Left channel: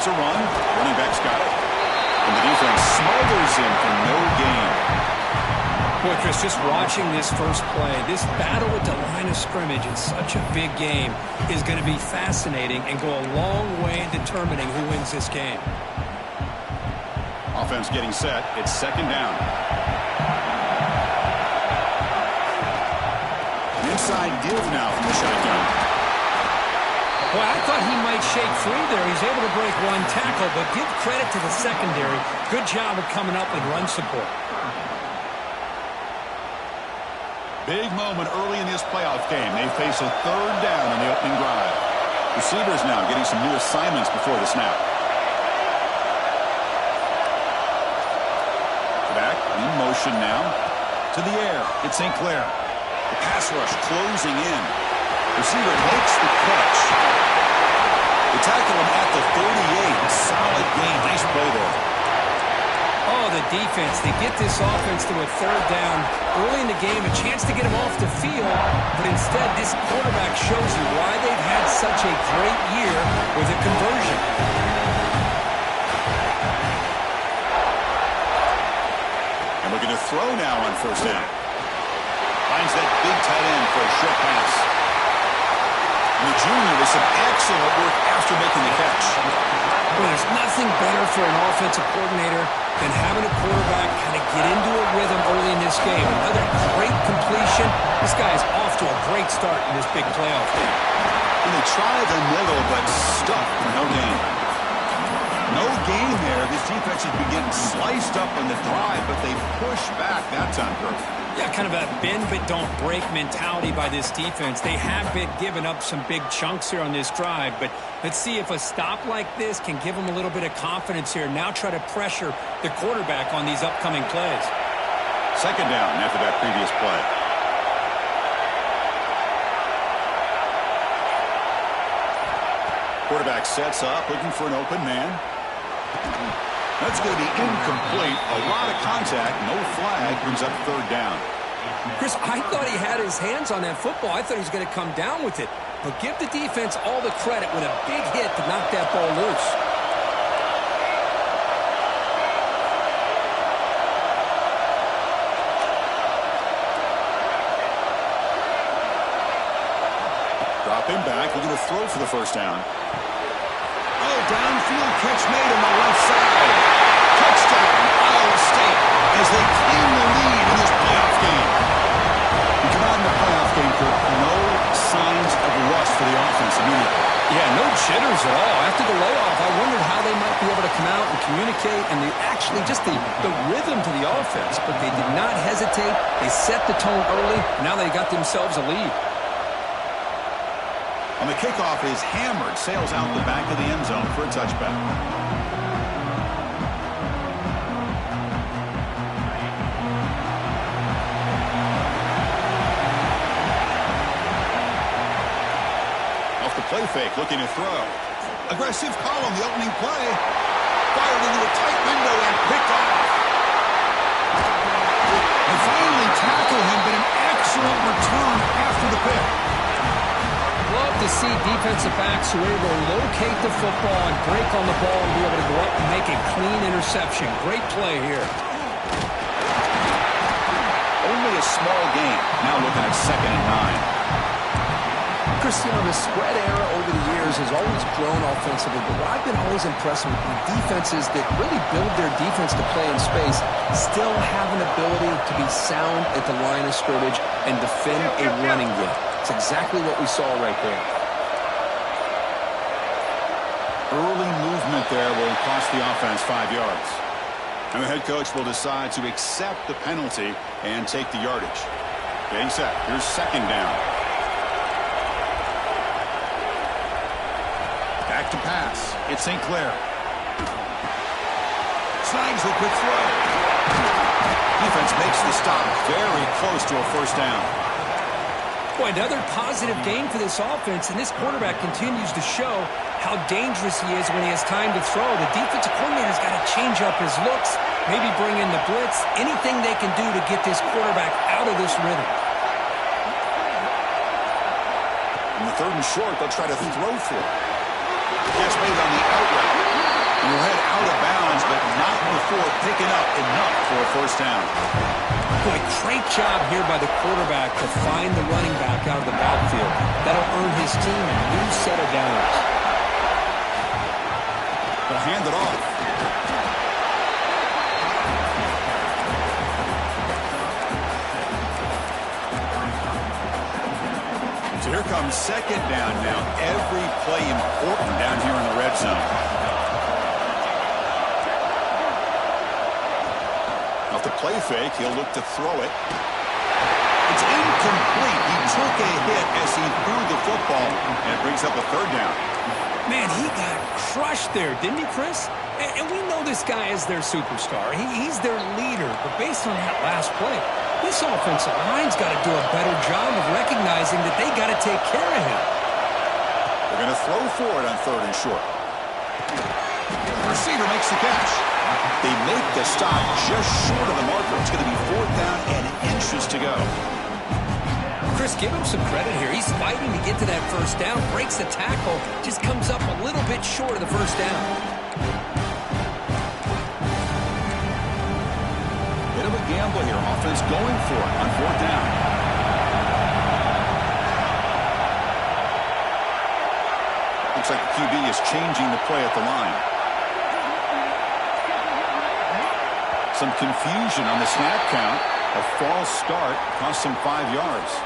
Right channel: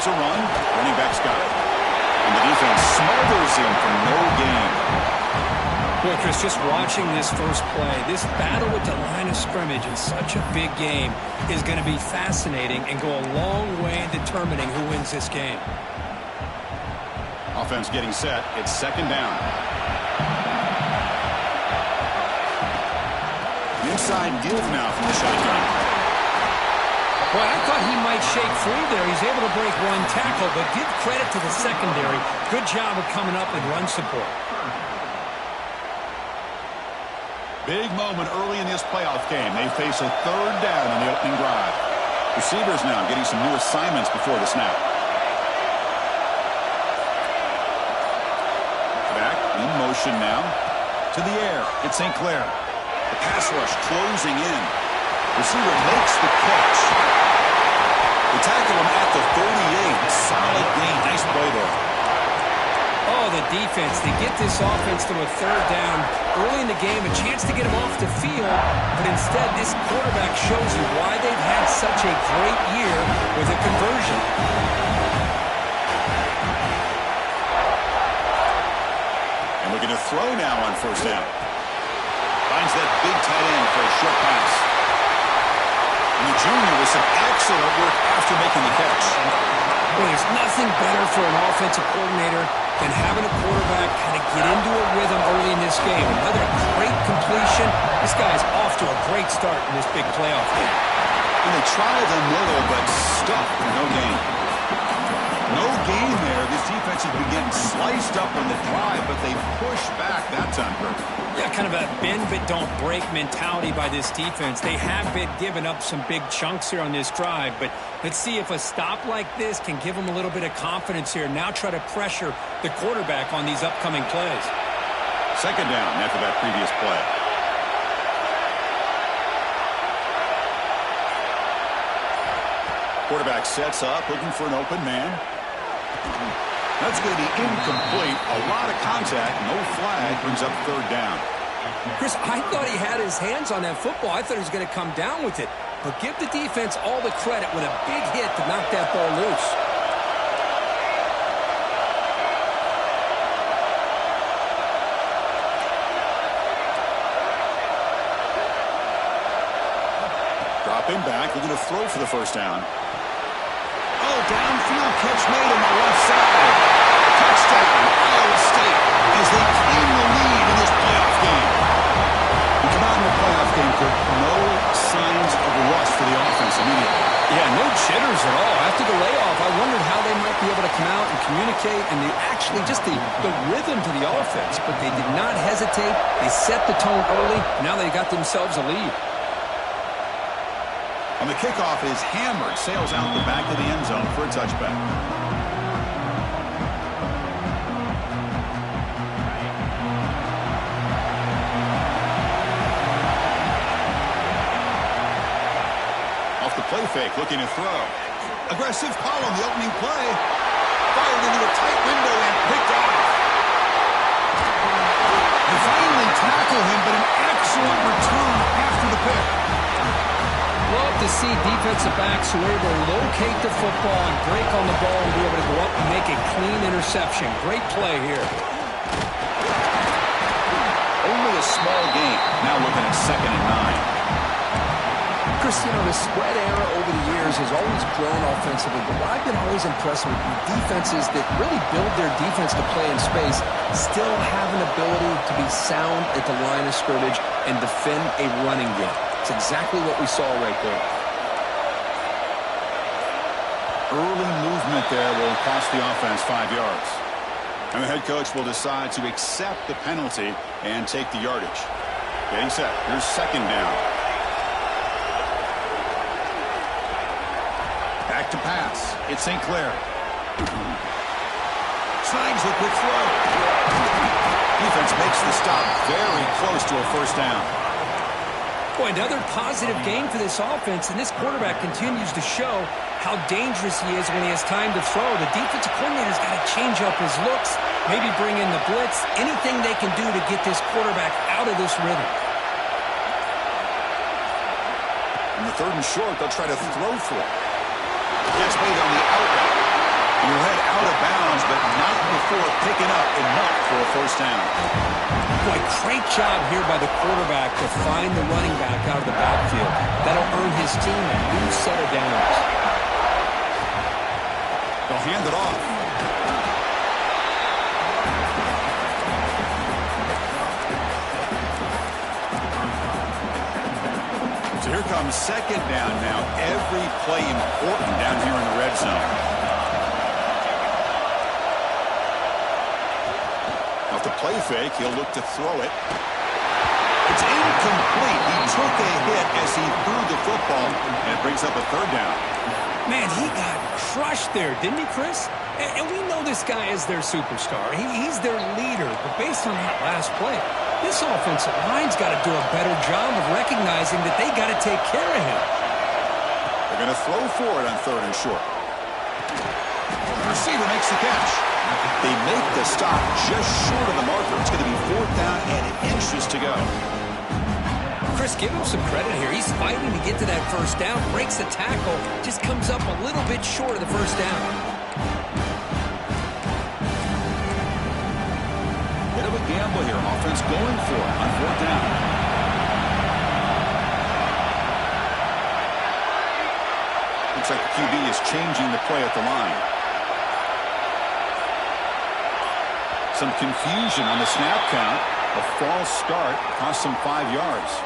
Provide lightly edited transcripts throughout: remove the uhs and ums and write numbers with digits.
starts a run. Running back's got it. And the defense smothers him for no gain. Boy, Chris, just watching this first play, this battle with the line of scrimmage in such a big game is going to be fascinating and go a long way in determining who wins this game. Offense getting set. It's second down. Inside give now from the shotgun. Boy, I thought he might shake free there. He's able to break one tackle, but give credit to the secondary. Good job of coming up with run support. Big moment early in this playoff game. They face a third down on the opening drive. Receivers now getting some new assignments before the snap. Back in motion now. To the air. It's St. Clair. The pass rush closing in. Receiver makes the catch. They tackle him at the 38. Solid gain. Nice play there. Oh, the defense. They get this offense to a third down early in the game. A chance to get him off the field. But instead, this quarterback shows you why they've had such a great year with a conversion. And we're going to throw now on first down. Finds that big tight end for a short pass. And the junior with some excellent work after making the catch. Well, there's nothing better for an offensive coordinator than having a quarterback kind of get into a rhythm early in this game. Another great completion. This guy is off to a great start in this big playoff game. And they try the middle, but stuck for no gain. No gain there. This defense has been getting sliced up on the drive, but they push back that time, Kirk. Yeah, kind of a bend but don't break mentality by this defense. They have been giving up some big chunks here on this drive, but let's see if a stop like this can give them a little bit of confidence here. Now try to pressure the quarterback on these upcoming plays. Second down after that previous play. Quarterback sets up, looking for an open man. That's going to be incomplete. A lot of contact, no flag, brings up third down. Chris, I thought he had his hands on that football. I thought he was going to come down with it. But give the defense all the credit with a big hit to knock that ball loose. Dropping back, looking to throw for the first down. Oh, downfield catch made on the left side. Touchdown, Iowa State, as they claim the lead in this playoff game. We come out in the playoff game, Kirk, no signs of rust for the offense immediately. Yeah, no jitters at all. After the layoff, I wondered how they might be able to come out and communicate and actually just the rhythm to the offense. But they did not hesitate. They set the tone early. Now they got themselves a lead. On the kickoff is hammered, sails out the back of the end zone for a touchback. Off the play fake, looking to throw. Aggressive call on the opening play. Fired into a tight window and picked off. They finally tackle him, but an excellent return after the pick. Love to see defensive backs who are able to locate the football and break on the ball and be able to go up and make a clean interception. Great play here. Only a small gain. Now looking at 2nd and 9. Chris, you know, the spread era over the years has always grown offensively, but what I've been always impressed with defenses that really build their defense to play in space still have an ability to be sound at the line of scrimmage and defend a running game. It's exactly what we saw right there. Early movement there will cost the offense 5 yards. And the head coach will decide to accept the penalty and take the yardage. Getting set. Here's second down. Back to pass. It's St. Clair. Snags a quick throw. Defense makes the stop very close to a first down. Boy, another positive game for this offense, and this quarterback continues to show how dangerous he is when he has time to throw. The defensive coordinator's got to change up his looks, maybe bring in the blitz, anything they can do to get this quarterback out of this rhythm. In the 3rd and short, they'll try to throw for it. Catch made on the out route. And he'll head out of bounds, but not before picking up enough for a first down. Boy, great job here by the quarterback to find the running back out of the backfield. That'll earn his team a new set of downs. They'll hand it off. So here comes second down now. Every play important down here in the red zone. Off the play fake, he'll look to throw it. It's incomplete. He took a hit as he threw the football, and it brings up a third down. Man, he got crushed there, didn't he, Chris? And we know this guy is their superstar. He's their leader. But based on that last play, this offensive line's got to do a better job of recognizing that they got to take care of him. They're going to throw for it on third and short. The receiver makes the catch. They make the stop just short of the marker. It's going to be fourth down and inches to go. Chris, give him some credit here. He's fighting to get to that first down, breaks the tackle, just comes up a little bit short of the first down. Bit of a gamble here. Offense going for it on fourth down. Looks like the QB is changing the play at the line. Some confusion on the snap count. A false start cost him 5 yards.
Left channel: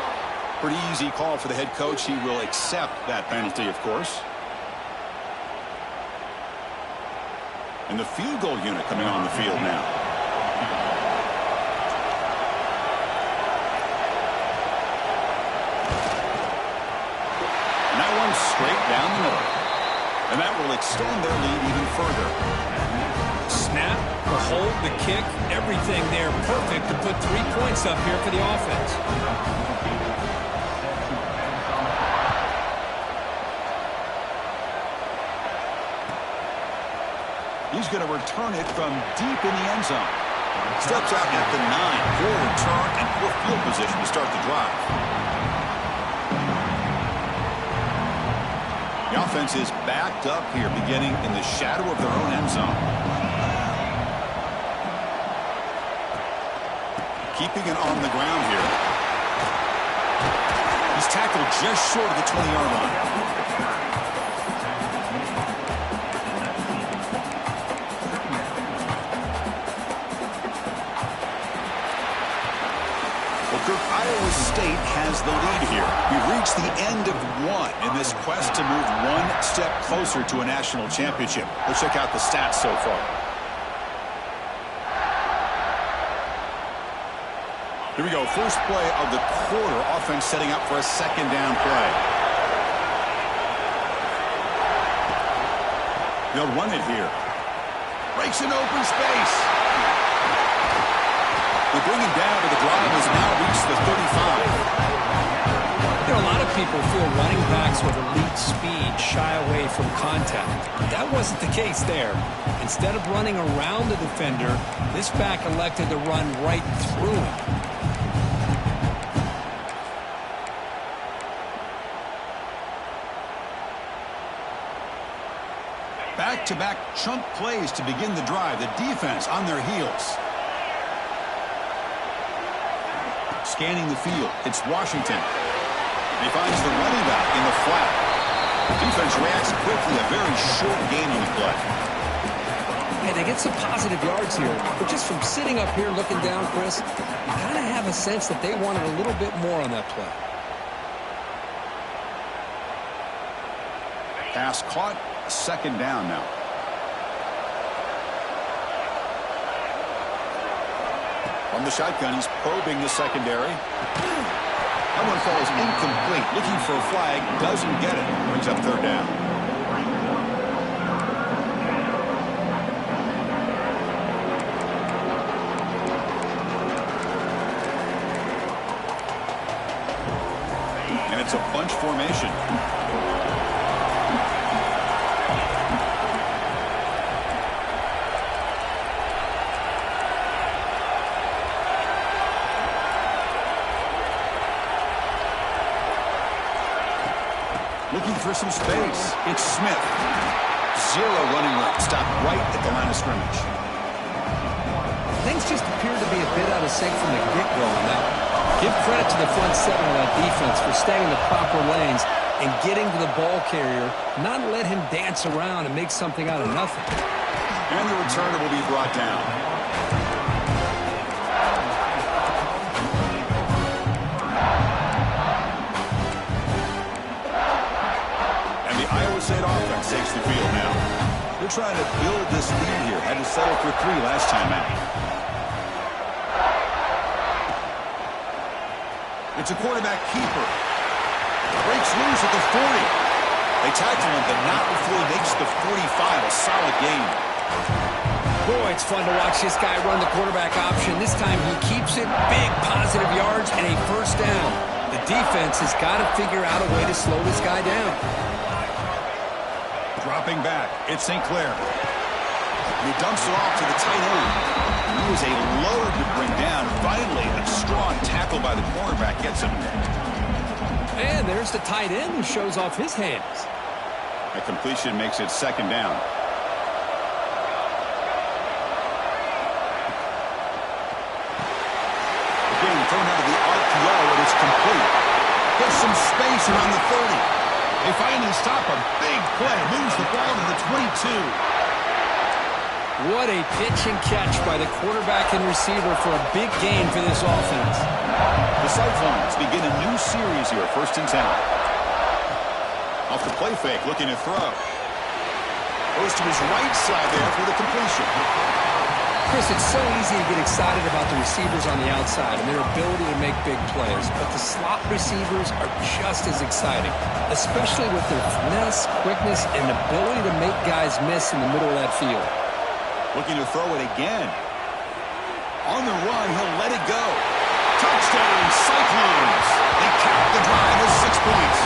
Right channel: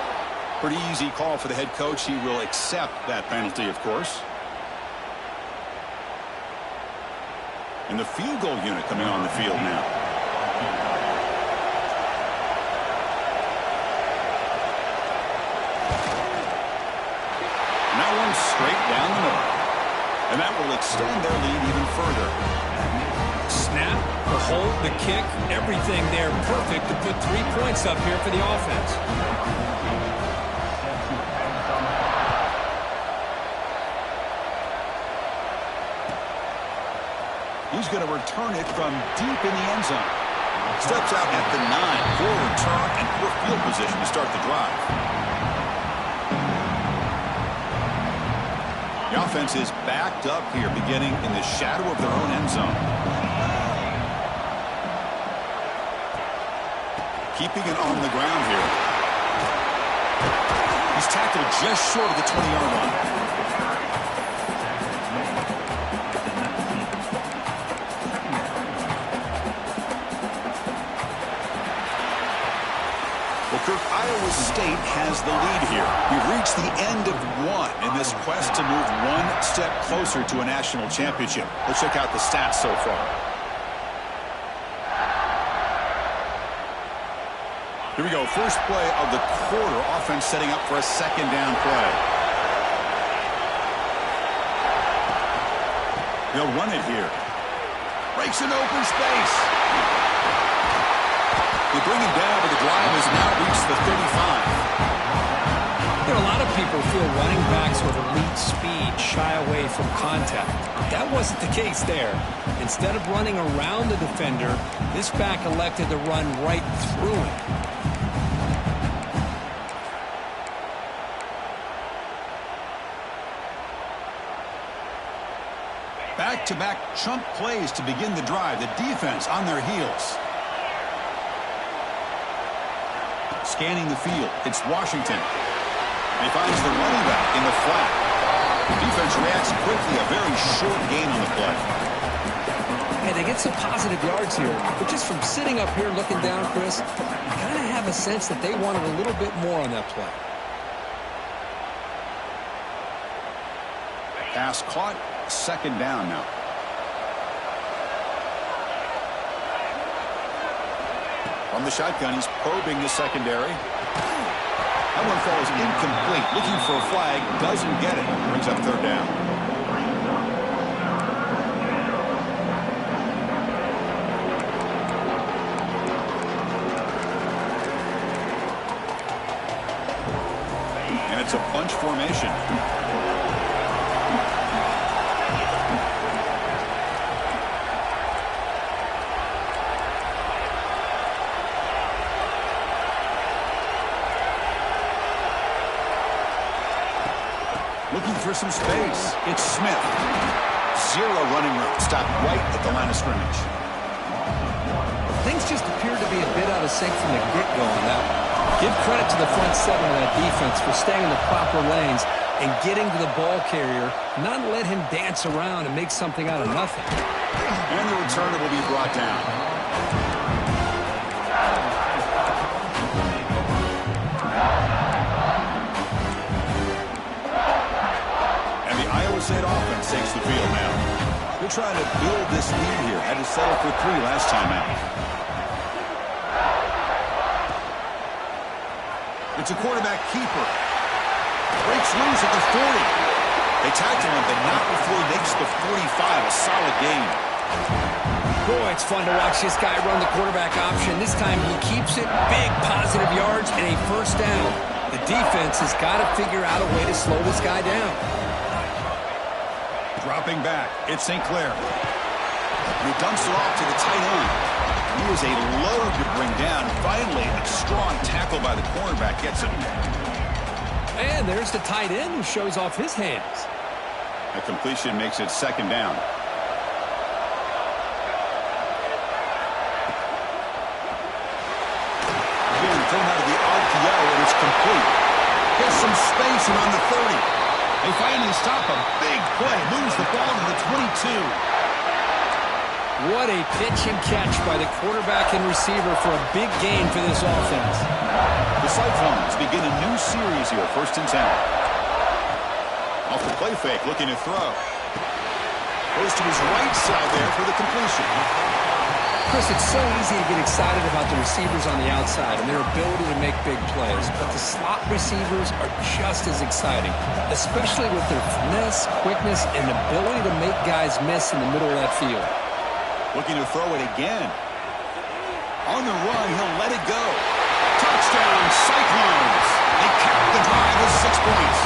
Pretty easy call for the head coach. He will accept that penalty, of course. And the field goal unit coming on the field now. And that one's straight down the middle. And that will extend their lead even further. Snap, the hold, the kick, everything there perfect to put 3 points up here for the offense. He's going to return it from deep in the end zone. Steps out at the 9 for a return and poor field position to start the drive. The offense is backed up here, beginning in the shadow of their own end zone. Keeping it on the ground here. He's tackled just short of the 20-yard line. Well, Kirk, Iowa State has the lead here. We've reached the end of one in this quest to move one step closer to a national championship. Let's check out the stats so far. Here we go. First play of the quarter. Offense setting up for a second down play. They'll run it here. Breaks an open space. They bring him down, but the drive has now reached the 35. You know, a lot of people feel running backs with elite speed shy away from contact. That wasn't the case there. Instead of running around the defender, this back elected to run right through him. Back-to-back chunk plays to begin the drive. The defense on their heels. Scanning the field. It's Washington. He finds the running back in the flat. The defense reacts quickly. A very short gain on the play. Hey, they get some positive yards here. But just from sitting up here looking down, Chris, you kind of have a sense that they wanted a little bit more on that play. Pass caught. Second down now. From the shotgun, he's probing the secondary. That one falls incomplete. Looking for a flag, doesn't get it. Brings up third down. And it's a bunch formation. Looking for some space. It's Smith. Zero running room. Stopped right at the line of scrimmage. Things just appeared to be a bit out of sync from the get-go on that one. Give credit to the front seven of that defense for staying in the proper lanes and getting to the ball carrier, not let him dance around and make something out of nothing. And the returner will be brought down. And the Iowa State offense takes the field now. They're trying to build this lead here. Had to settle for 3 last time out. It's a quarterback keeper. Breaks loose at the 40. They tackle him, but not before he makes the 45. A solid gain. Boy, it's fun to watch this guy run the quarterback option. This time he keeps it. Big positive yards and a first down. The defense has got to figure out a way to slow this guy down. Dropping back, it's St. Clair. And he dumps it off to the tight end. He was a load to bring down. Finally, a strong tackle by the cornerback gets him. And there's the tight end who shows off his hands. A completion makes it second down. Again, thrown out of the RPO, and it's complete. Gets some space around the 30. They finally stop a big play. Moves the ball to the 22. What a pitch and catch by the quarterback and receiver for a big gain for this offense. The Cyclones begin a new series here, 1st and 10. Off the play fake, looking to throw. Goes to his right side there for the completion. Chris, it's so easy to get excited about the receivers on the outside and their ability to make big plays, but the slot receivers are just as exciting, especially with their finesse, quickness, and ability to make guys miss in the middle of that field. Looking to throw it again. On the run, he'll let it go. Touchdown, Cyclones. They cap the drive with 6 points.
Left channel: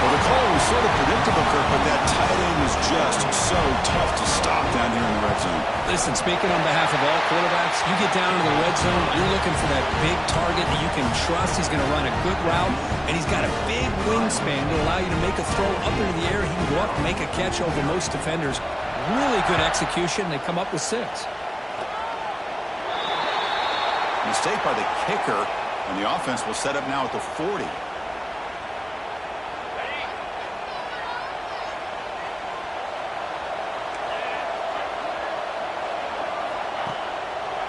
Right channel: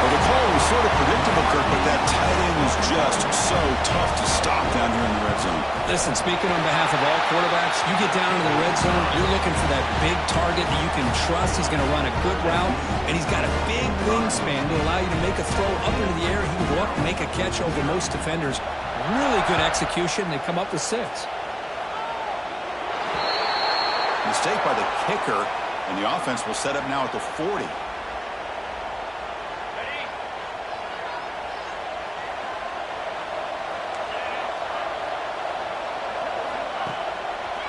Well, the call was sort of predictable, Kirk, but that tight end is just so tough to stop down here in the red zone. Listen, speaking on behalf of all quarterbacks, you get down into the red zone, you're looking for that big target that you can trust. He's going to run a good route, and he's got a big wingspan to allow you to make a throw up into the air. He can go up and make a catch over most defenders. Really good execution. They come up with 6. Mistake by the kicker, and the offense will set up now at the 40.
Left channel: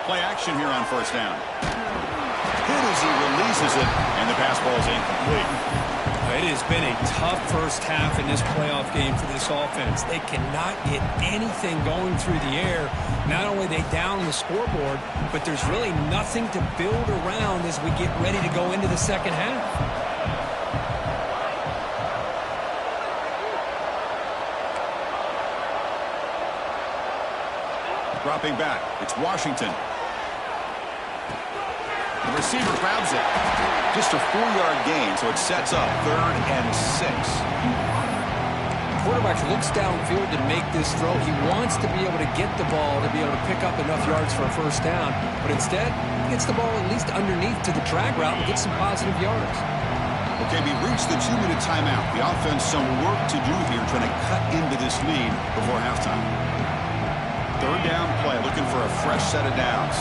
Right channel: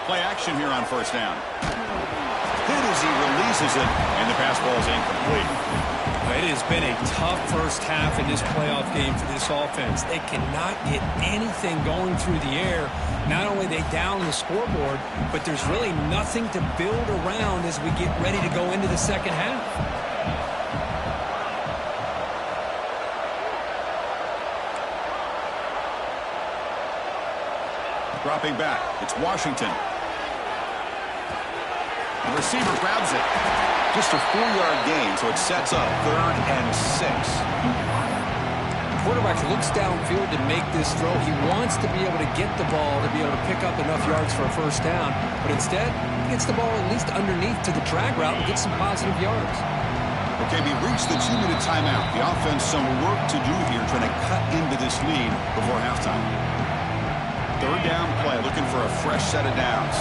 Play action here on 1st down. Hit as he releases it, and the pass ball is incomplete. It has been a tough first half in this playoff game for this offense. They cannot get anything going through the air. Not only are they down the scoreboard, but there's really nothing to build around as we get ready to go into the second half. Dropping back, it's Washington. The receiver grabs it. Just a 4-yard gain, so it sets up 3rd and 6. The quarterback looks downfield to make this throw. He wants to be able to get the ball to be able to pick up enough yards for a first down, but instead, he gets the ball at least underneath to the drag route and gets some positive yards. Okay, we reached the 2-minute timeout. The offense some work to do here, trying to cut into this lead before halftime. 3rd down play, looking for a fresh set of downs.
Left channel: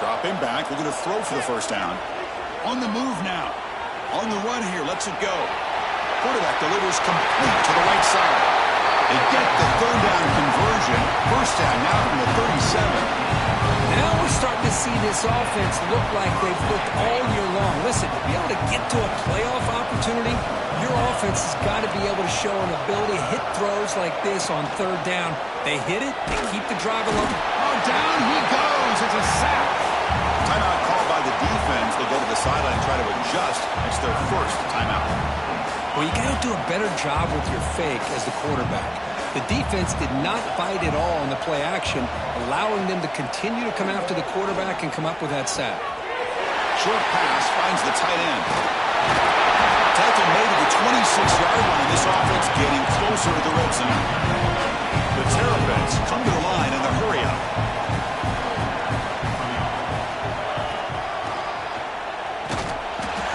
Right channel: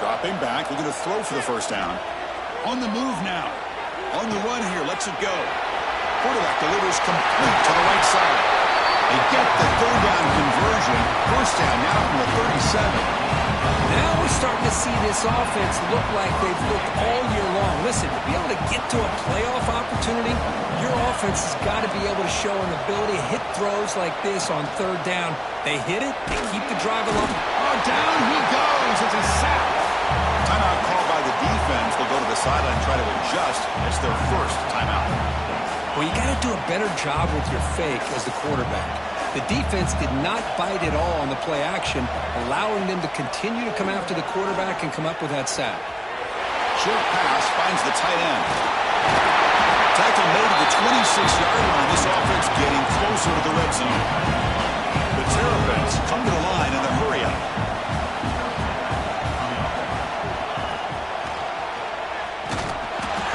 Dropping back, looking to throw for the first down. On the move now. On the run here, lets it go. Quarterback delivers complete to the right side. They get the 3rd down conversion. First down now from the 37. Now we're starting to see this offense look like they've looked all year long. Listen, to be able to get to a playoff opportunity, your offense has got to be able to show an ability to hit throws like this on 3rd down. They hit it, they keep the drive along. Oh, down he goes. It's a sack. Timeout called by the defense. They'll go to the sideline and try to adjust. It's their first timeout. Well, you got to do a better job with your fake as the quarterback. The defense did not bite at all on the play action, allowing them to continue to come after the quarterback and come up with that sack. Short pass finds the tight end. Tackle made to the 26-yard line. This offense getting closer to the red zone. The Terrapins come to the line in the hurry-up.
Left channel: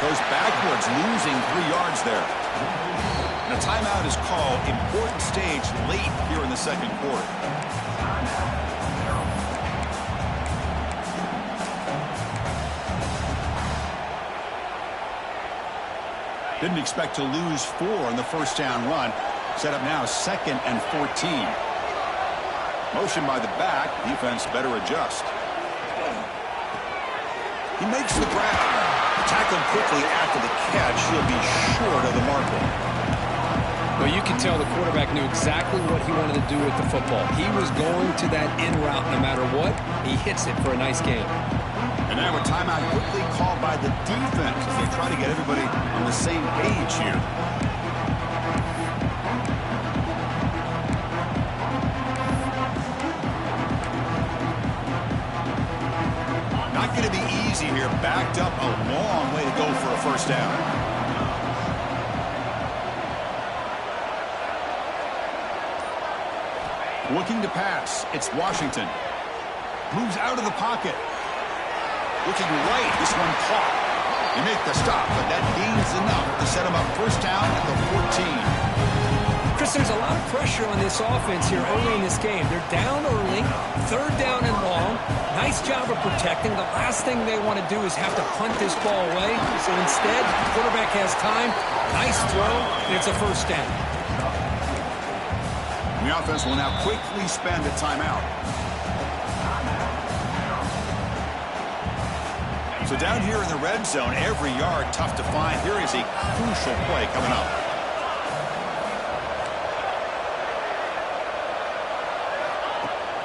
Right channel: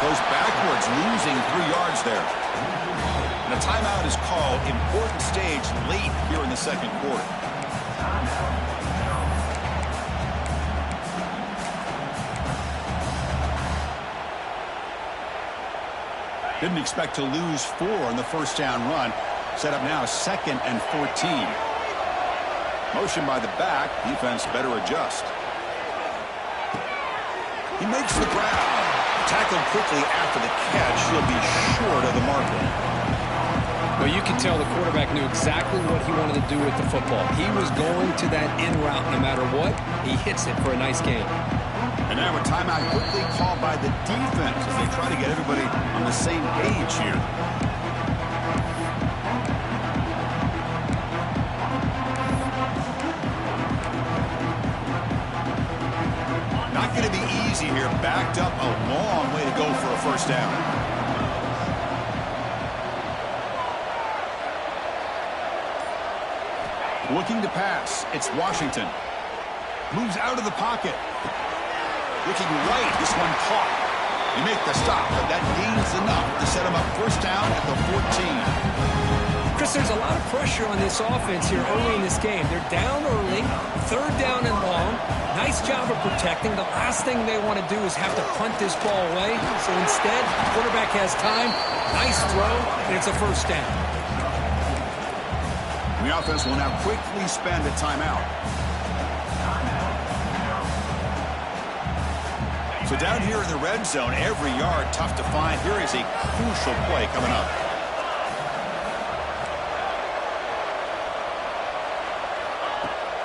Goes backwards avoids losing 3 yards there. And a timeout is called. Important stage late here in the second quarter. Didn't expect to lose 4 on the first down run. Set up now 2nd and 14. Motion by the back. Defense better adjust. He makes the grab. Tackled quickly after the catch. He'll be short of the marker. Well, you can tell the quarterback knew exactly what he wanted to do with the football. He was going to that in route no matter what. He hits it for a nice gain. And now a timeout quickly called by the defense as they try to get everybody on the same page here. Not going to be easy here. Backed up a long way to go for a first down. Looking to pass. It's Washington. Moves out of the pocket. Looking right. This one caught. They make the stop, but that gains enough to set him up first down at the 14. Chris, there's a lot of pressure on this offense here early in this game. They're down early, 3rd down and long. Nice job of protecting. The last thing they want to do is have to punt this ball away. So instead, the quarterback has time. Nice throw, and it's a first down. The offense will now quickly spend a timeout. So down here in the red zone, every yard tough to find. Here is a crucial play coming up.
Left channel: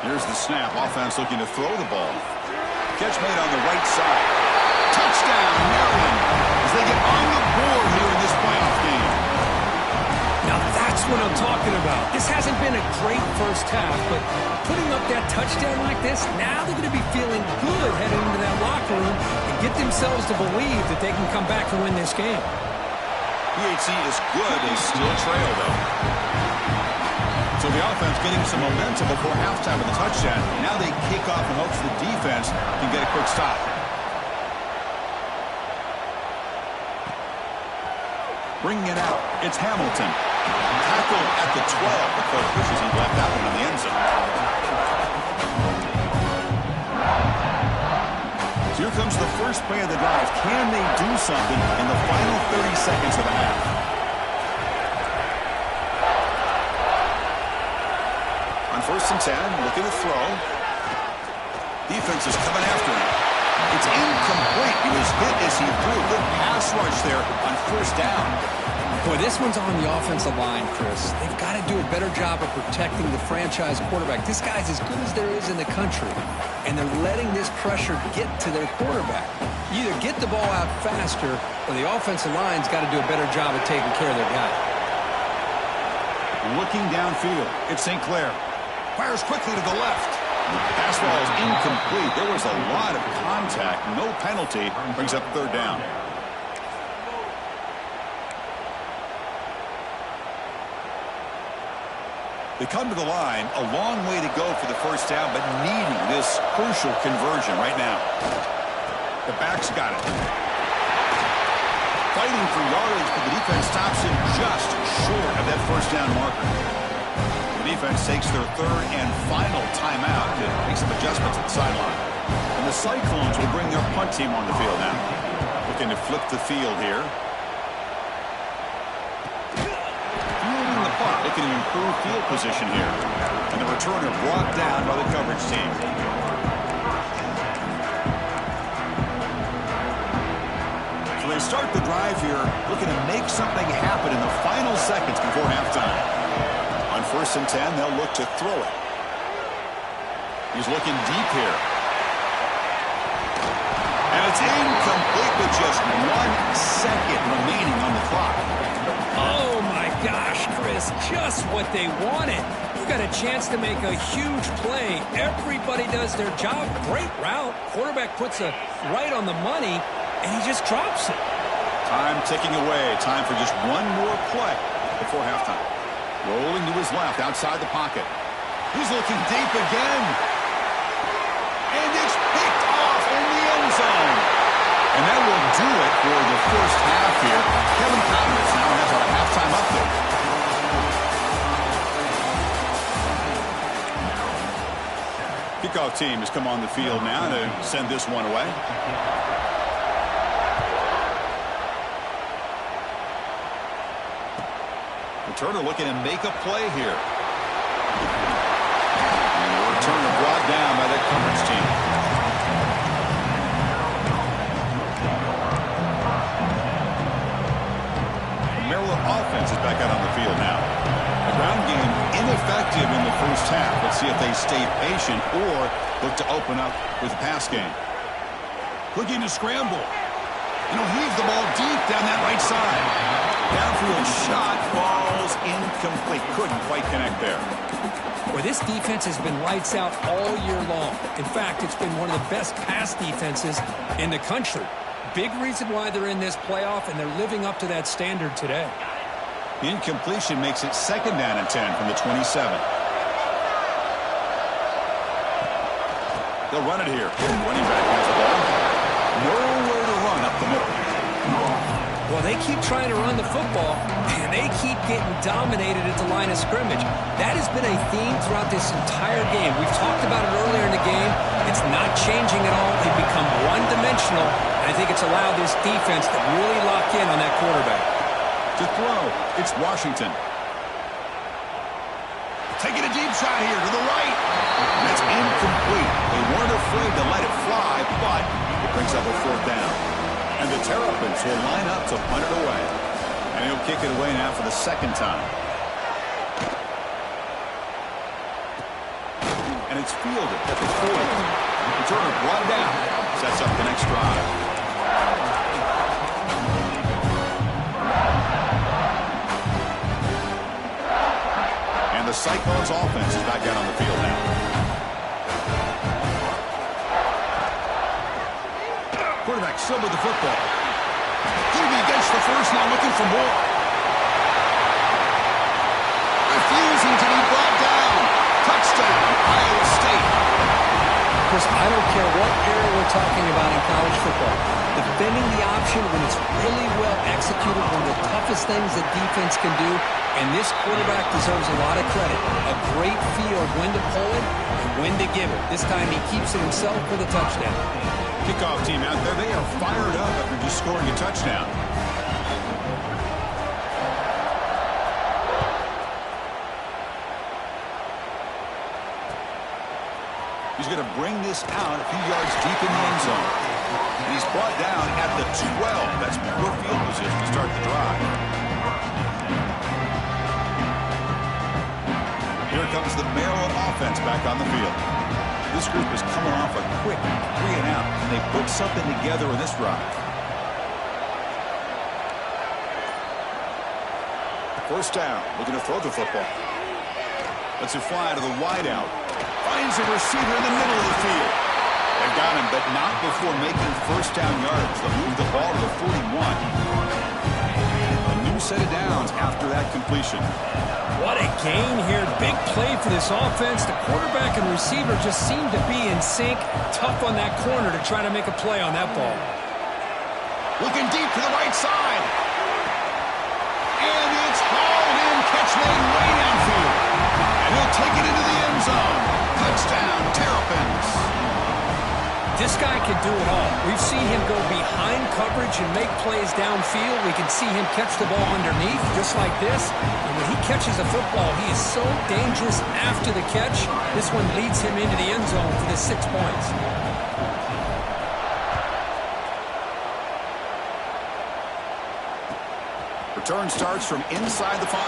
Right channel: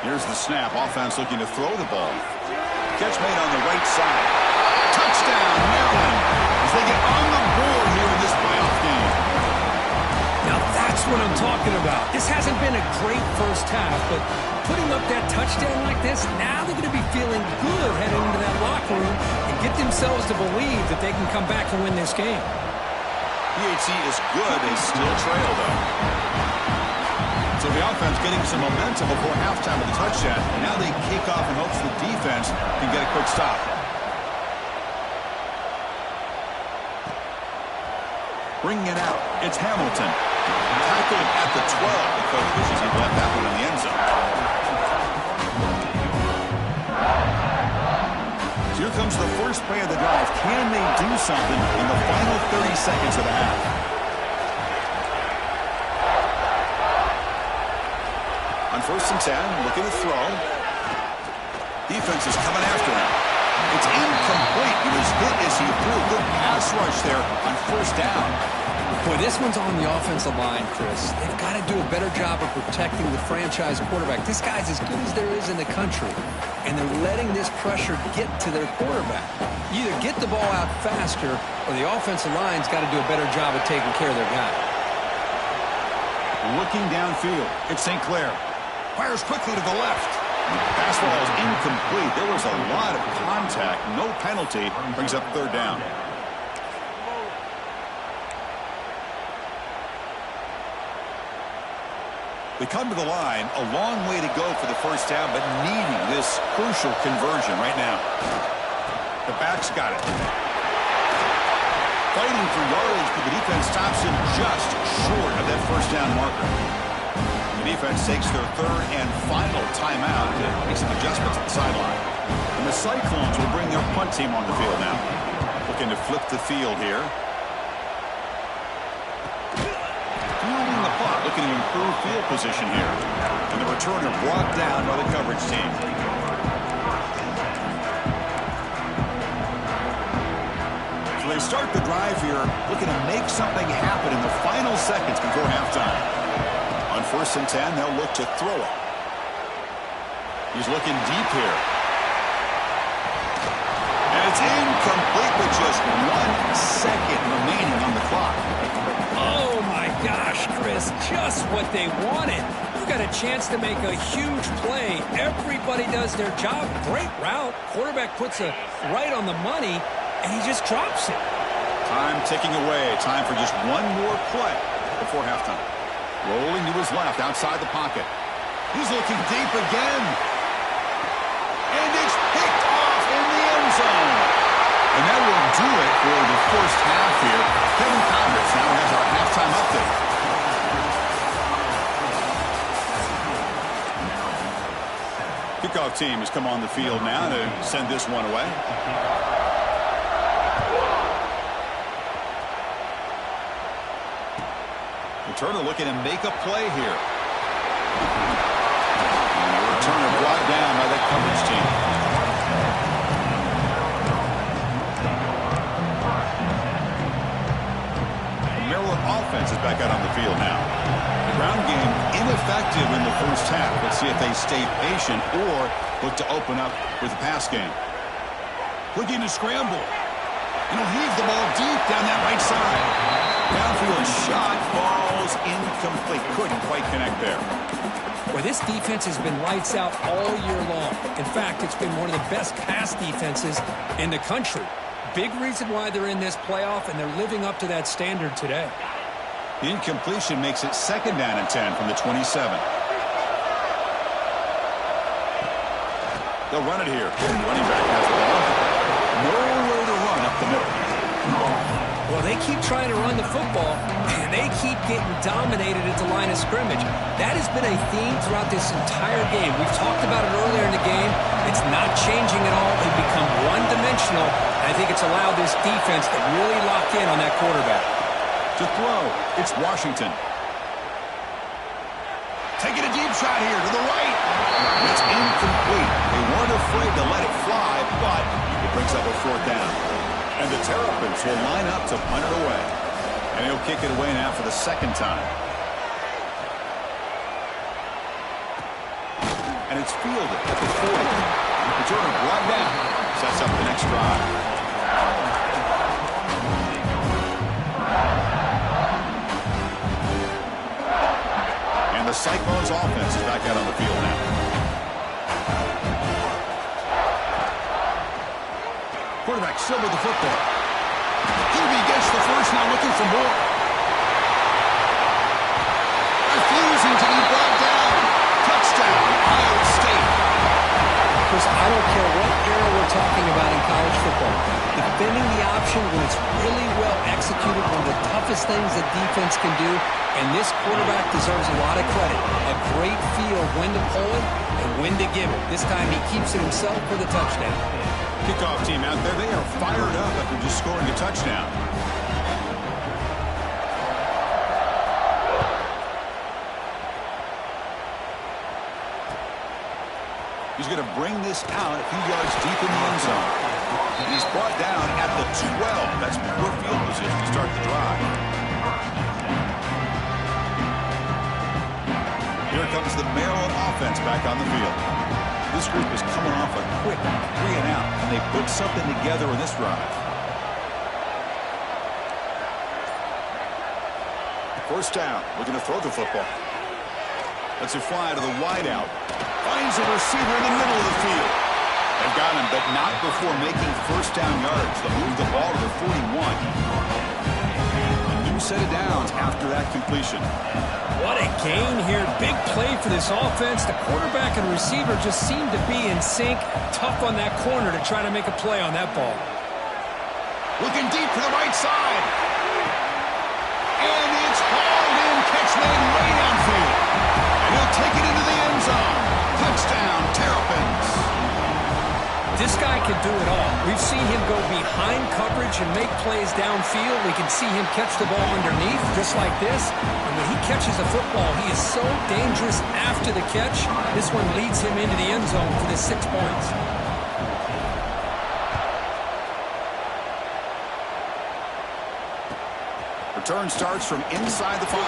Here's the snap. Offense looking to throw the ball. Catch made on the right side. Touchdown, Maryland, as they get on the board here in this playoff game. Now that's what I'm talking about. This hasn't been a great first half, but putting up that touchdown like this, now they're going to be feeling good heading into that locker room and get themselves to believe that they can come back and win this game. PHC is good. They still trail, though. So the offense getting some momentum before halftime with the touchdown. Now they kick off in hopes the defense can get a quick stop. Bringing it out, it's Hamilton. Tackled at the 12. The coach wishes he left that one in the end zone. So here comes the first play of the drive. Can they do something in the final 30 seconds of the half? On 1st and 10, looking to throw. Defense is coming after him. It's incomplete. He was hit as he threw. Good pass rush there on 1st down. Boy, this one's on the offensive line, Chris. They've got to do a better job of protecting the franchise quarterback. This guy's as good as there is in the country, and they're letting this pressure get to their quarterback. You either get the ball out faster, or the offensive line's got to do a better job of taking care of their guy. Looking downfield, it's St. Clair. Fires quickly to the left. Pass ball is incomplete. There was a lot of contact. No penalty. Brings up 3rd down. They come to the line, a long way to go for the first down, but needing this crucial conversion right now. The back's got it. Fighting for yardage, but the defense stops him just short of that first down marker. The defense takes their 3rd and final timeout to make some adjustments at the sideline. And the Cyclones will bring their punt team on the field now. Looking to flip the field here. Fielding the punt, looking to improve field position here. And the returner brought down by the coverage team. So they start the drive here, looking to make something happen in the final seconds before halftime. On 1st and 10, they'll look to throw it. He's looking deep here. And it's incomplete with just 1 second remaining on the clock. Oh, my gosh, Chris, just what they wanted. You got a chance to make a huge play. Everybody does their job. Great route. Quarterback puts it right on the money, and he just drops it. Time ticking away. Time for just one more play before halftime. Rolling to his left outside the pocket. He's looking deep again. And it's picked off in the end zone. And that will do it for the first half here. Kevin Congress now has our halftime update. Kickoff team has come on the field now to send this one away. Returner looking to make a play here. And the returner brought down by that coverage team. The Maryland offense is back out on the field now. The ground game ineffective in the first half. Let's see if they stay patient or look to open up with the pass game. Looking to scramble. And he'll heave the ball deep down that right side. Downfield shot falls incomplete. Couldn't quite connect there. Well, this defense has been lights out all year long. In fact, it's been one of the best pass defenses in the country. Big reason why they're in this playoff, and they're living up to that standard today. The incompletion makes it 2nd down and 10 from the 27. They'll run it here. Running back has the ball. Nowhere to run up the middle. Well, they keep trying to run the football, and they keep getting dominated at the line of scrimmage. That has been a theme throughout this entire game. We've talked about it earlier in the game. It's not changing at all. They've become one-dimensional, and I think it's allowed this defense to really lock in on that quarterback. To throw, it's Washington. Taking a deep shot here to the right. That's incomplete. They weren't afraid to let it fly, but it brings up a 4th down. And the Terrapins will line up to punt it away. And he'll kick it away now for the 2nd time. And it's fielded at the 40. Returner brought down. Sets up the next drive. And the Cyclones offense is back out on the field now. Quarterback still with the football. QB gets the first, now looking for more. Refusing to be brought down. Touchdown, Iowa State. Chris, I don't care what era we're talking about in college football. Defending the option when it's really well executed, one of the toughest things that defense can do, and this quarterback deserves a lot of credit. A great feel of when to pull it and when to give it. This time he keeps it himself for the touchdown. Kickoff team out there, they are fired up after just scoring a touchdown. He's going to bring this out a few yards deep in the end zone. And he's brought down at the 12. That's poor field position to start the drive. Here comes the Maryland offense back on the field. This group is coming off a quick 3-and-out, and they put something together in this drive. First down, looking to throw the football. Lets it fly to the wideout. Finds a receiver in the middle of the field. They've got him, but not before making first down yards. They'll move the ball to the 41. A new set of downs after that completion. What a gain here. Big play for this offense. The quarterback and receiver just seem to be in sync. Tough on that corner to try to make a play on that ball. Looking deep to the right side. And it's hauled in. Catch made way downfield. And he'll take it into the end zone. Touchdown, Terrapins. This guy can do it all. We've seen him go behind coverage and make plays downfield. We can see him catch the ball underneath, just like this. And when he catches a football, he is so dangerous after the catch. This one leads him into the end zone for the 6 points. Return starts from inside the 5.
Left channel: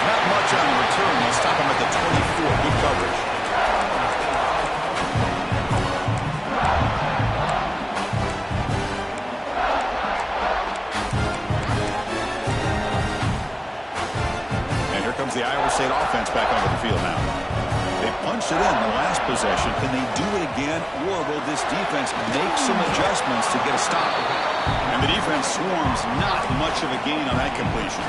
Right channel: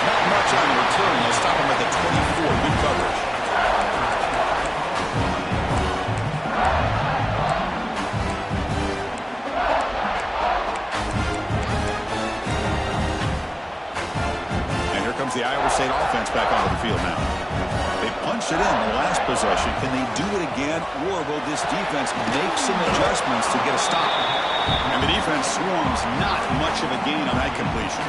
Not much on the return. They'll stop him at the 24. Good coverage. And here comes the Iowa State offense back onto the field now. They punched it in the last possession. Can they do it again, or will this defense make some adjustments to get a stop? And the defense swarms, not much of a gain on that completion.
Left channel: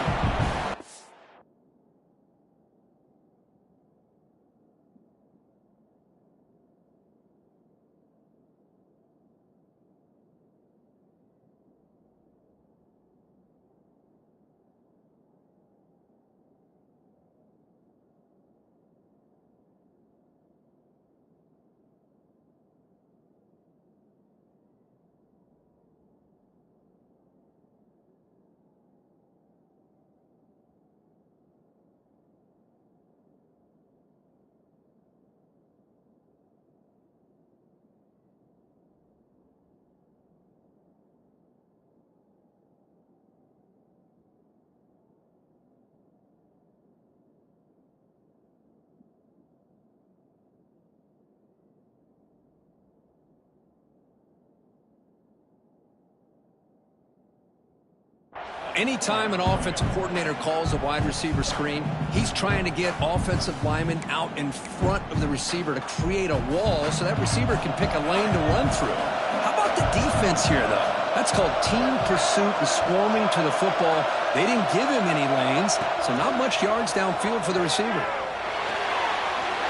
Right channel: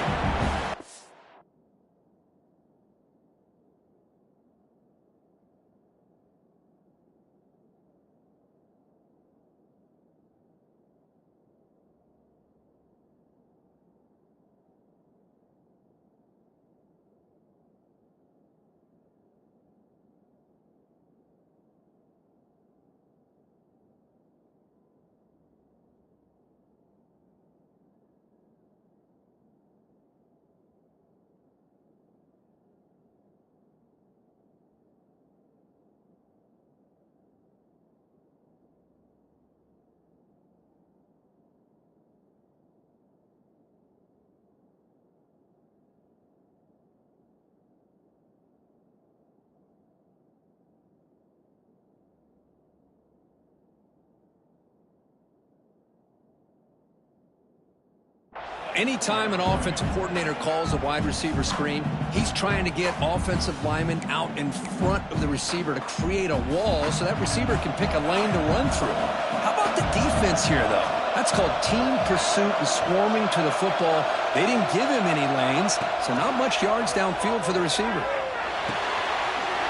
Anytime an offensive coordinator calls a wide receiver screen, he's trying to get offensive linemen out in front of the receiver to create a wall so that receiver can pick a lane to run through. How about the defense here, though? That's called team pursuit and swarming to the football. They didn't give him any lanes, so not much yards downfield for the receiver.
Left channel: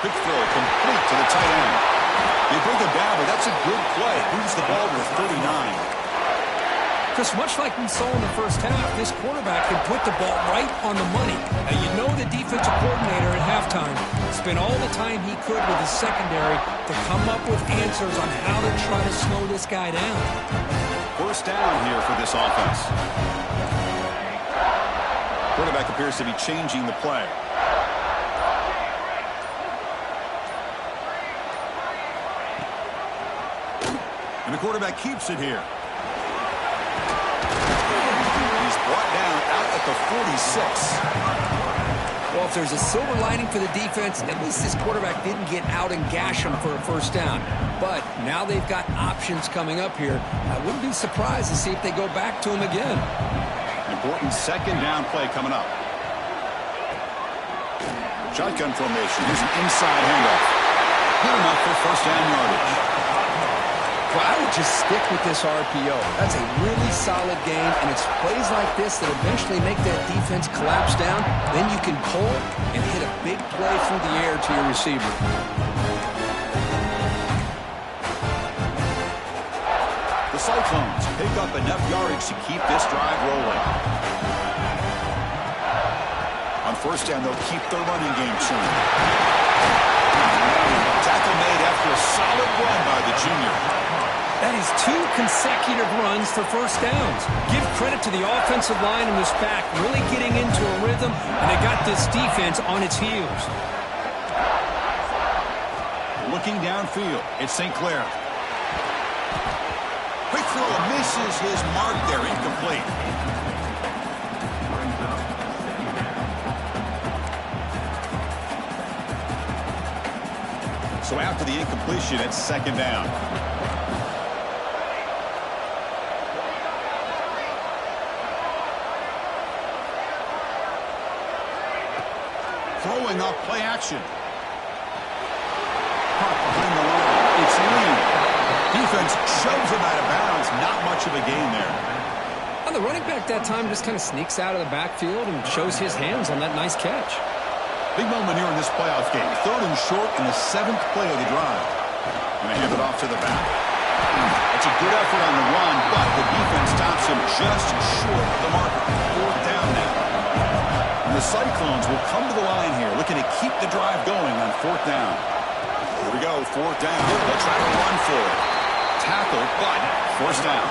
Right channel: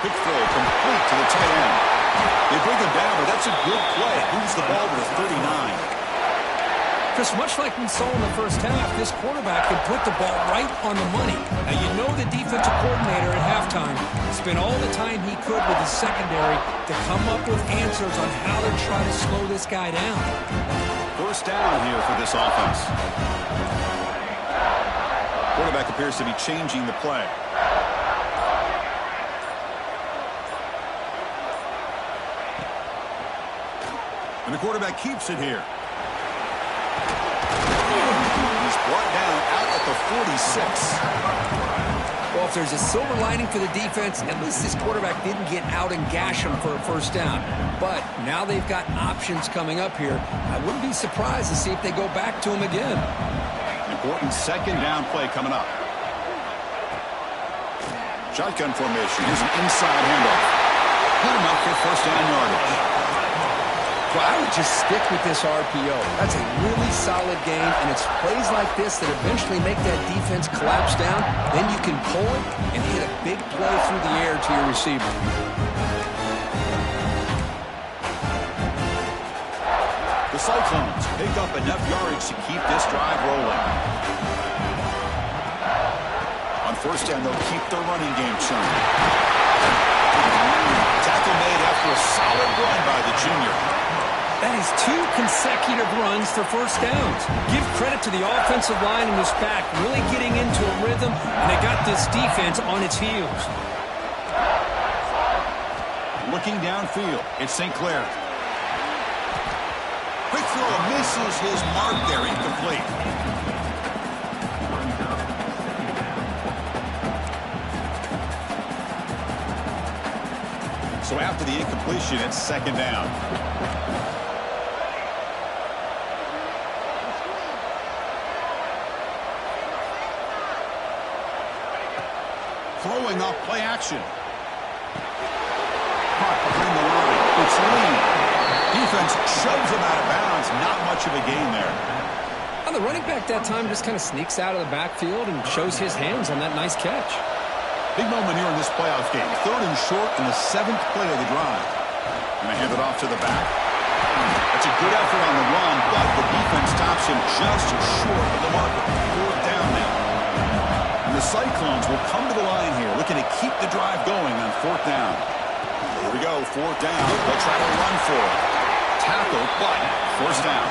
Quick throw complete to the tight end. They bring him down, but that's a good play. Moves the ball to the 39. Chris, much like we saw in the first half, this quarterback can put the ball right on the money. Now, you know the defensive coordinator at halftime spent all the time he could with his secondary to come up with answers on how to try to slow this guy down. First down here for this offense. Quarterback appears to be changing the play. And the quarterback keeps it here. He's brought down out at the 46. Well, if there's a silver lining for the defense, at least this quarterback didn't get out and gash him for a first down. But now they've got options coming up here. I wouldn't be surprised to see if they go back to him again. Important second down play coming up. Shotgun formation. Here's an inside handoff. Good enough for first down yardage. Well, I would just stick with this RPO. That's a really solid game, and it's plays like this that eventually make that defense collapse down. Then you can pull it and hit a big play through the air to your receiver. The Cyclones pick up enough yardage to keep this drive rolling. On first down, they'll keep their running game churning. Tackle made after a solid run by the junior. That is 2 consecutive runs for first downs. Give credit to the offensive line in this back, really getting into a rhythm, and they got this defense on its heels. Looking downfield, it's St. Clair. Quick throw misses his mark there, incomplete. So after the incompletion, it's second down. Throwing off play action. Caught behind the line. It's Lee. Defense shoves him out of bounds. Not much of a gain there. And the running back that time just kind of sneaks out of the backfield and shows his hands on that nice catch. Big moment here in this playoff game. 3rd and short in the 7th play of the drive. Going to hand it off to the back. That's a good effort on the run, but the defense stops him just short of the marker. 4th down now. And the Cyclones will come to the line here, looking to keep the drive going on 4th down. Here we go, 4th down. They'll try to run for it. Tackle, but first down.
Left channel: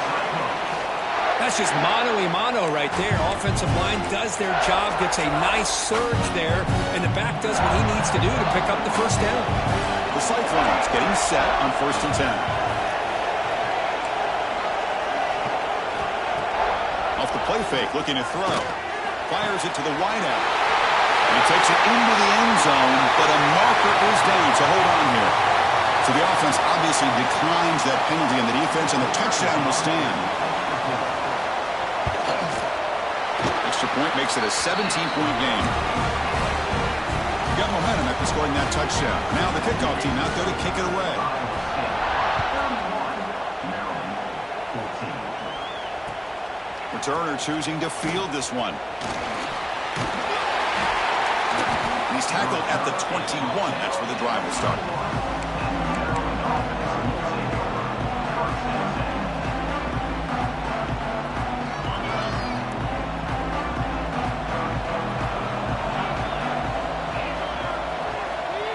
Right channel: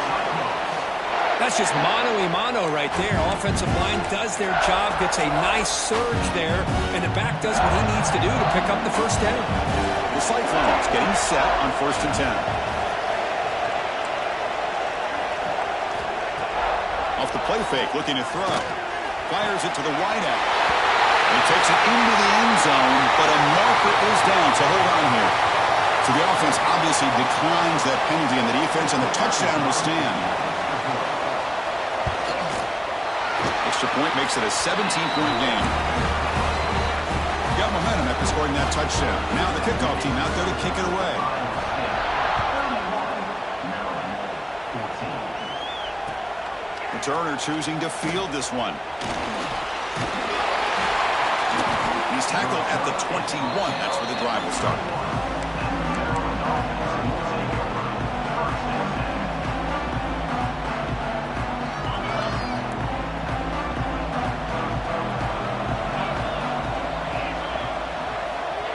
That's just mano-a-mano right there. Offensive line does their job, gets a nice surge there, and the back does what he needs to do to pick up the first down. The Cyclones getting set on 1st and 10. Off the play fake, looking to throw. Fires it to the wideout. And he takes it into the end zone, but a marker is down, so hold on here. So the offense obviously declines that penalty on the defense, and the touchdown will stand. Extra point makes it a 17-point game. Got momentum after scoring that touchdown. Now the kickoff team out there to kick it away. Returner choosing to field this one. He's tackled at the 21. That's where the drive will start.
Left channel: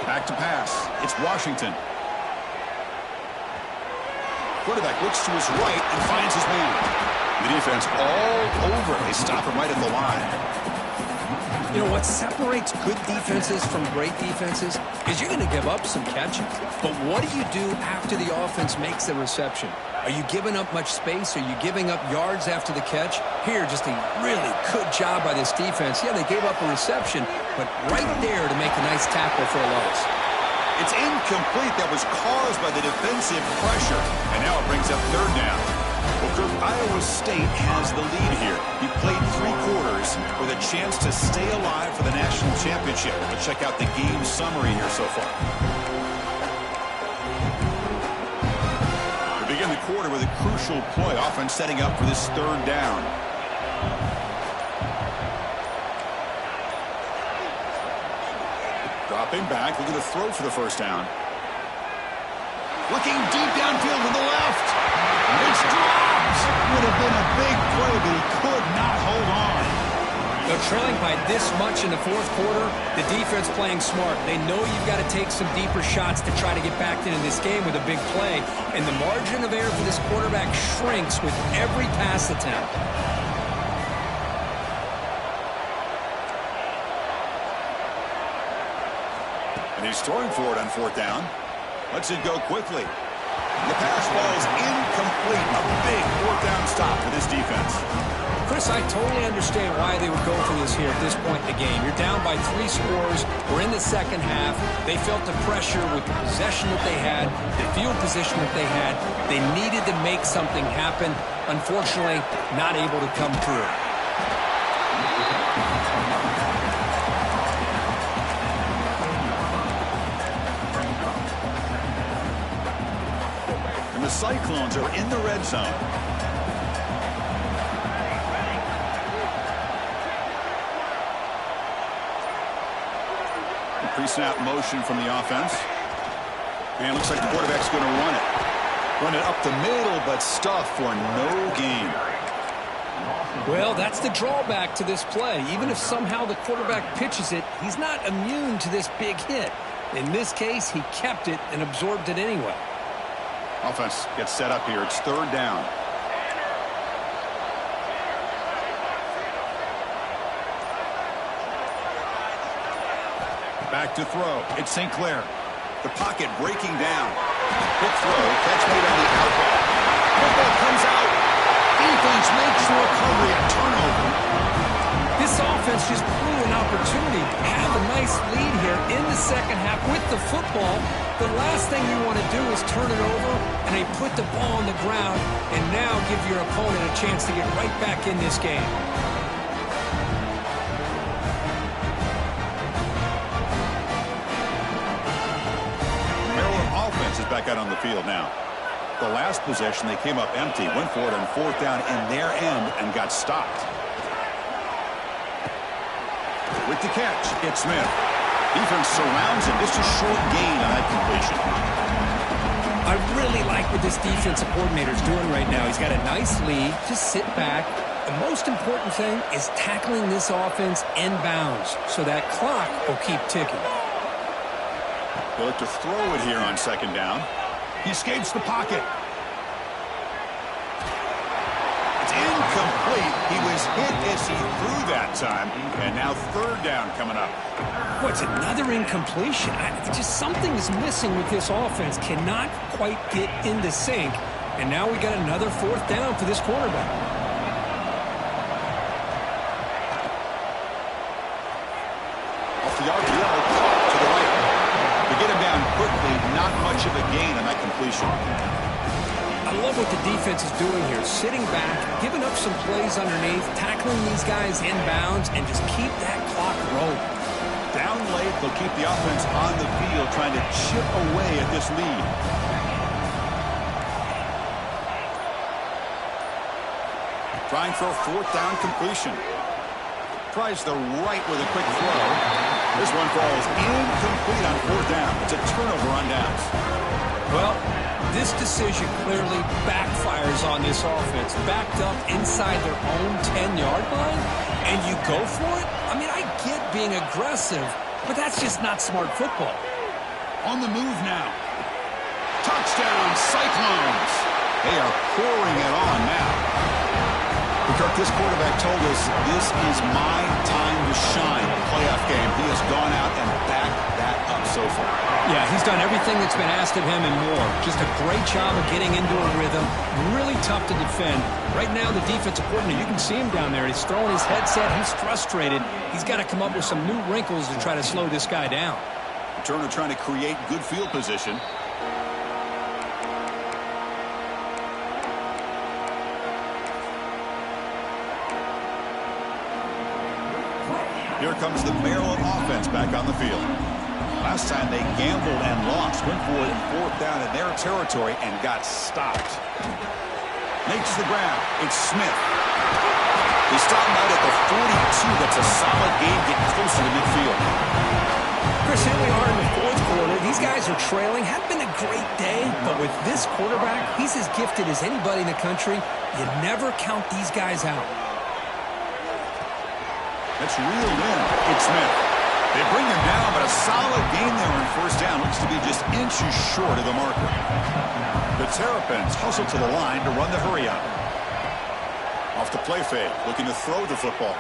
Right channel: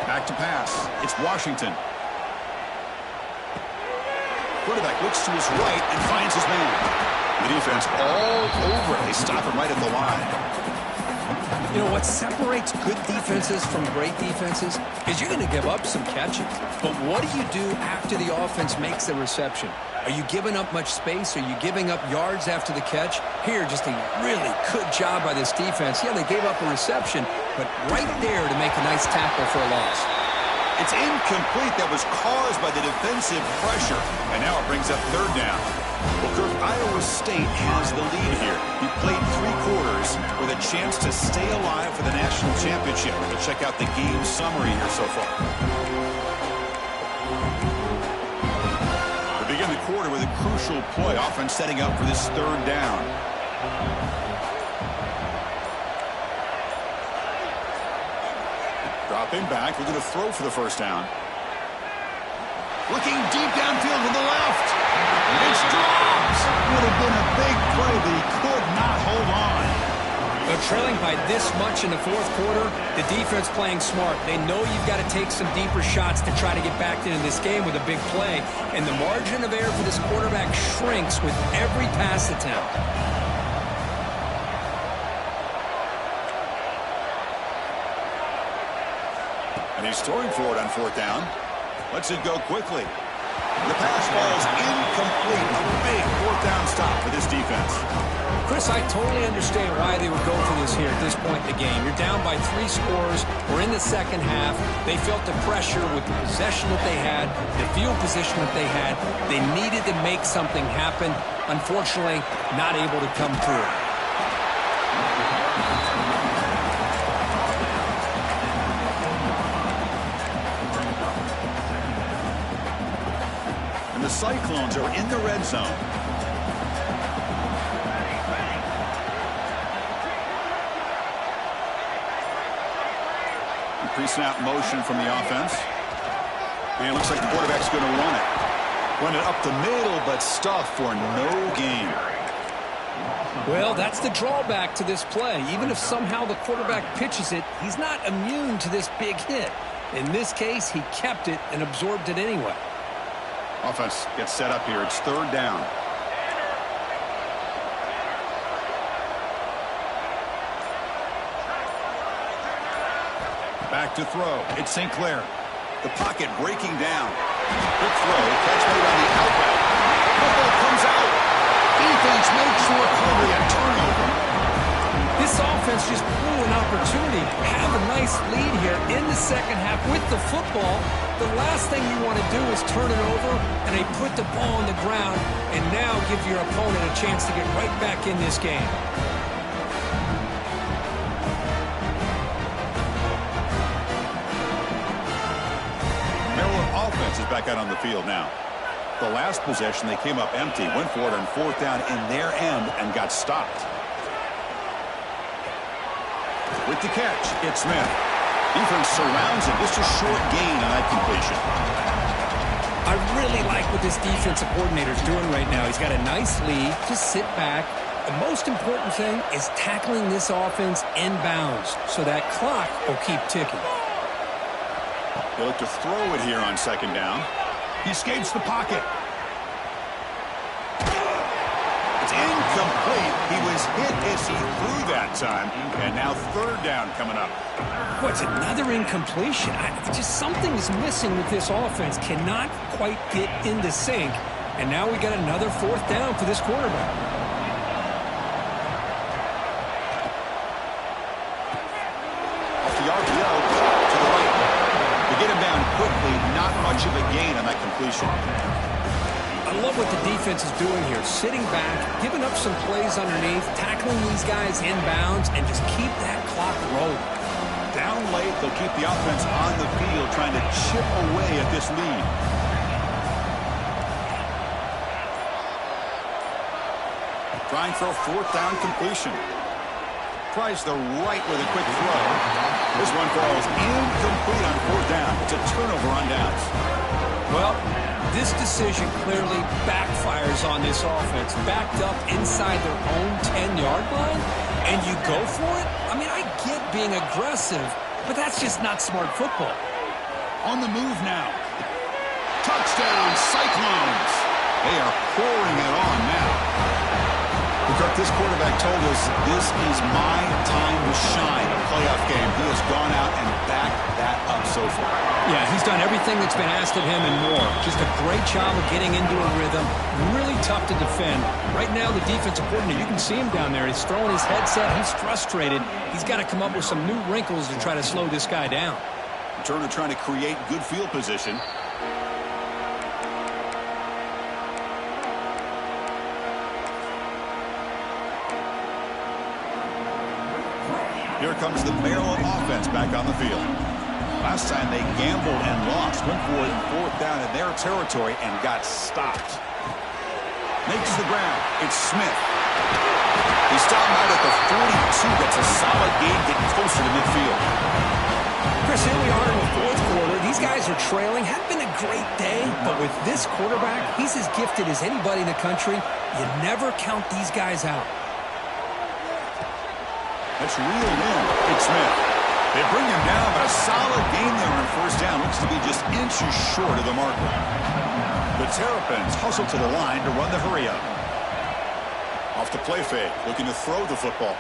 Back to pass. It's Washington. Quarterback looks to his right and finds his man. The defense all over it. They stop him right at the line. You know, what separates good defenses from great defenses is you're going to give up some catches. But what do you do after the offense makes the reception? Are you giving up much space? Are you giving up yards after the catch? Here, just a really good job by this defense. Yeah, they gave up a reception, but right there to make a nice tackle for a loss. It's incomplete. That was caused by the defensive pressure. And now it brings up third down. Well, Kirk, Iowa State has the lead here. He played 3 quarters with a chance to stay alive for the national championship. Let's check out the game summary here so far. We begin the quarter with a crucial play. Offense setting up for this third down. Dropping back, looking to throw for the first down. Looking deep downfield to the left. It's dropped. Would have been a big play, but he could not hold on. They're trailing by this much in the fourth quarter. The defense playing smart. They know you've got to take some deeper shots to try to get back into this game with a big play. And the margin of error for this quarterback shrinks with every pass attempt. And he's throwing for it on fourth down. Lets it go quickly. The pass ball's incomplete. A big fourth down stop for this defense. Chris, I totally understand why they would go for this here at this point in the game. You're down by 3 scores. We're in the second half. They felt the pressure with the possession that they had, the field position that they had. They needed to make something happen. Unfortunately, not able to come through. The Cyclones are in the red zone. Pre-snap motion from the offense. And it looks like the quarterback's going to run it. Run it up the middle, but stuff for no gain. Well, that's the drawback to this play. Even if somehow the quarterback pitches it, he's not immune to this big hit. In this case, he kept it and absorbed it anyway. Offense gets set up here. It's third down. Back to throw. It's St. Clair. The pocket breaking down. Quick throw. Catch made on the outback. Football comes out. Defense makes the recovery. A turnover. This offense just blew an opportunity to have a nice lead here in the second half with the football. The last thing you want to do is turn it over, and they put the ball on the ground and now give your opponent a chance to get right back in this game. Maryland offense is back out on the field now. The last possession, they came up empty, went for it on fourth down in their end and got stopped. With the catch, it's Smith. Defense surrounds him. Just a short gain on that completion. I really like what this defensive coordinator is doing right now. He's got a nice lead. Just sit back. The most important thing is tackling this offense inbounds so that clock will keep ticking. They look to throw it here on second down. He escapes the pocket. It's incomplete. He was hit as he threw that time. And now third down coming up. What's another incompletion? Just something is missing with this offense. Cannot quite get into sync. And now we got another fourth down for this quarterback. Off the RPO, caught to the right. To get him down quickly, not much of a gain on that completion. I love what the defense is doing here. Sitting back, giving up some plays underneath, tackling these guys inbounds, and just keep that clock rolling. Down late, they'll keep the offense on the field, trying to chip away at this lead. Trying for a fourth down completion. Tries the right with a quick throw. This one falls incomplete on fourth down. It's a turnover on downs. Well, this decision clearly backfires on this offense. Backed up inside their own 10-yard line, and you go for it? I mean, I get being aggressive, but that's just not smart football. On the move now. Touchdown, Cyclones. They are pouring it on now. Kirk, this quarterback told us this is my time to shine, a playoff game. He has gone out and backed that up so far. Yeah, he's done everything that's been asked of him and more. Just a great job of getting into a rhythm. Really tough to defend. Right now, the defensive coordinator, you can see him down there. He's throwing his headset. He's frustrated. He's got to come up with some new wrinkles to try to slow this guy down. Returner trying to create good field position. Here comes the Maryland offense back on the field. Last time they gambled and lost. Went for it in 4th down in their territory and got stopped. Makes the ground. It's Smith. They stop him out at the 42. That's a solid game getting closer to midfield. Chris, here we are in the 4th quarter. These guys are trailing. Hadn't been a great day, but with this quarterback, he's as gifted as anybody in the country. You never count these guys out. That's reeled in. It's Smith. They bring him down, but a solid gain there on 1st down. Looks to be just inches short of the marker. The Terrapins hustle to the line to run the hurry up. Off the play fake, looking to throw the football.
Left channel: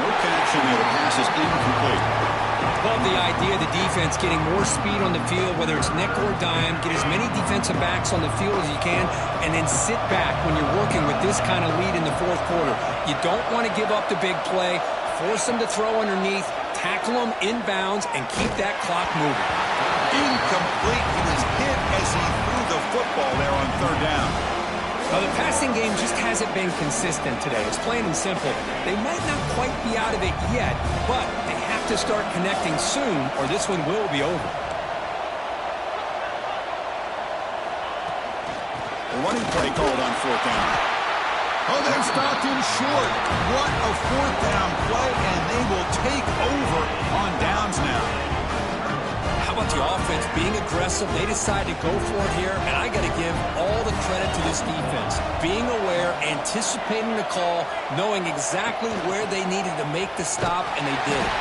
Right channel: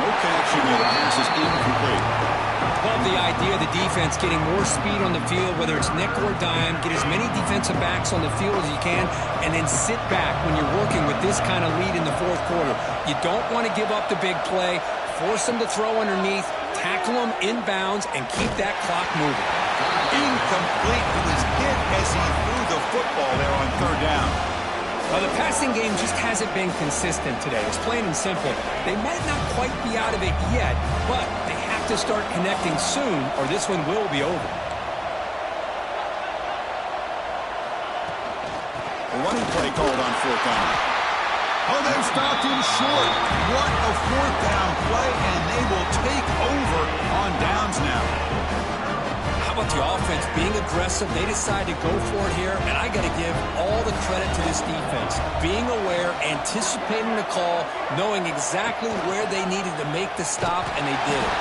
No connection there. The pass is incomplete. Love the idea of the defense getting more speed on the field, whether it's nickel or dime. Get as many defensive backs on the field as you can, and then sit back when you're working with this kind of lead in the 4th quarter. You don't want to give up the big play. Force them to throw underneath, tackle them inbounds, and keep that clock moving. Incomplete. He was hit as he threw the football there on 3rd down. Now, the passing game just hasn't been consistent today. It's plain and simple. They might not quite be out of it yet, but they have to start connecting soon, or this one will be over. A running play called on 4th down. Oh, they've stopped him short. What a 4th down play, and they will take over on downs now. How about the offense being aggressive? They decide to go for it here, and I got to give all the credit to this defense. Being aware, anticipating the call, knowing exactly where they needed to make the stop, and they did it.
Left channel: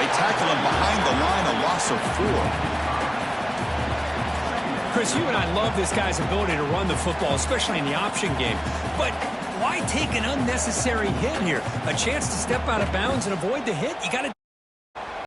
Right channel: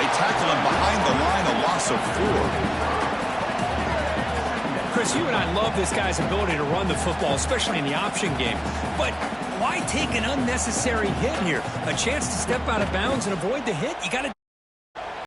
They tackle him behind the line, a loss of 4. Chris, you and I love this guy's ability to run the football, especially in the option game. But why take an unnecessary hit here? A chance to step out of bounds and avoid the hit? You got to